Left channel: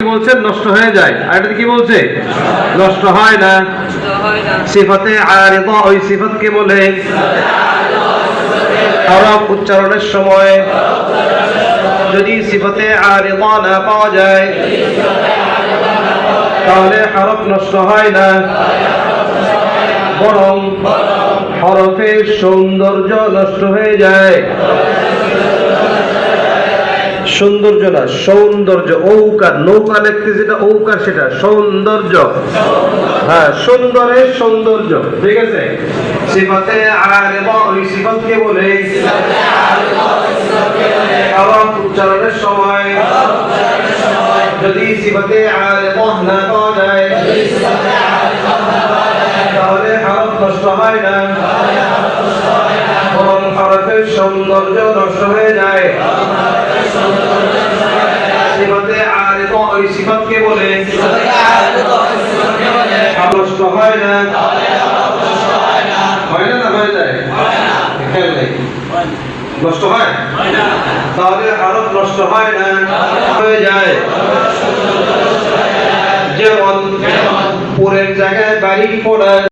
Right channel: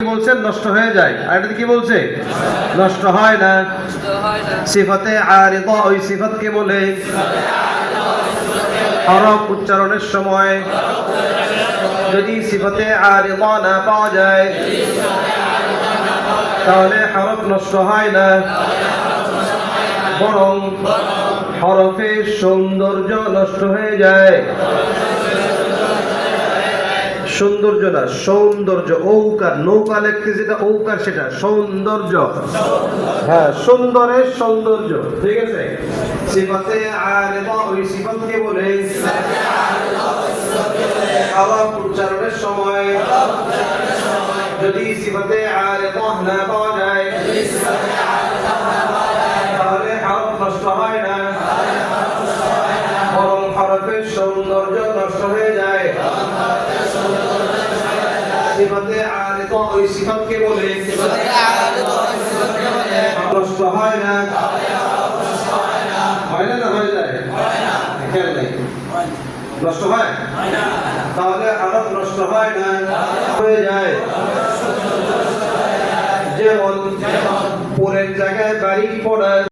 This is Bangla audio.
বলছেন নষ্ট হয়ে যায়, আর এটা কি বলছে নষ্ট হয় না। সিফাতে আরিদা ওই সিফাতকে বলে হরফ উচ্চারণের সময় যদি সিফাতে আরিদা না পাওয়া যায় তাহলে হরফ নষ্ট হয় না, বরং হরফের সৌন্দর্য নষ্ট হয়ে যায়। সৌন্দর্য না, সৌন্দর্য। ঔকার, নৌকা লিখতে যেটা ঔকার সেটা সৌন্দর্য। হ্যাঁ, সুন্দরের সৌন্দর্য। ঠিক আছে। সিফাতে আরিদা ওই সিফাতকে বলে হরফ উচ্চারণের সময় যদি সিফাতে আরিদা না পাওয়া যায় তাহলে হরফ নষ্ট হয় না, বরং হরফের সৌন্দর্য নষ্ট হয়ে যায়। সিফাতে আরিদা ওই সিফাতকে বলে নষ্ট হয় না, হয় না, না হয়ে যায়, খেয়াল নেই, নষ্ট হয় তাহলে হরফ নষ্ট হয় না, হয়ে যায়। যেমন পুরের জায়গায় বাড়ি পড়া।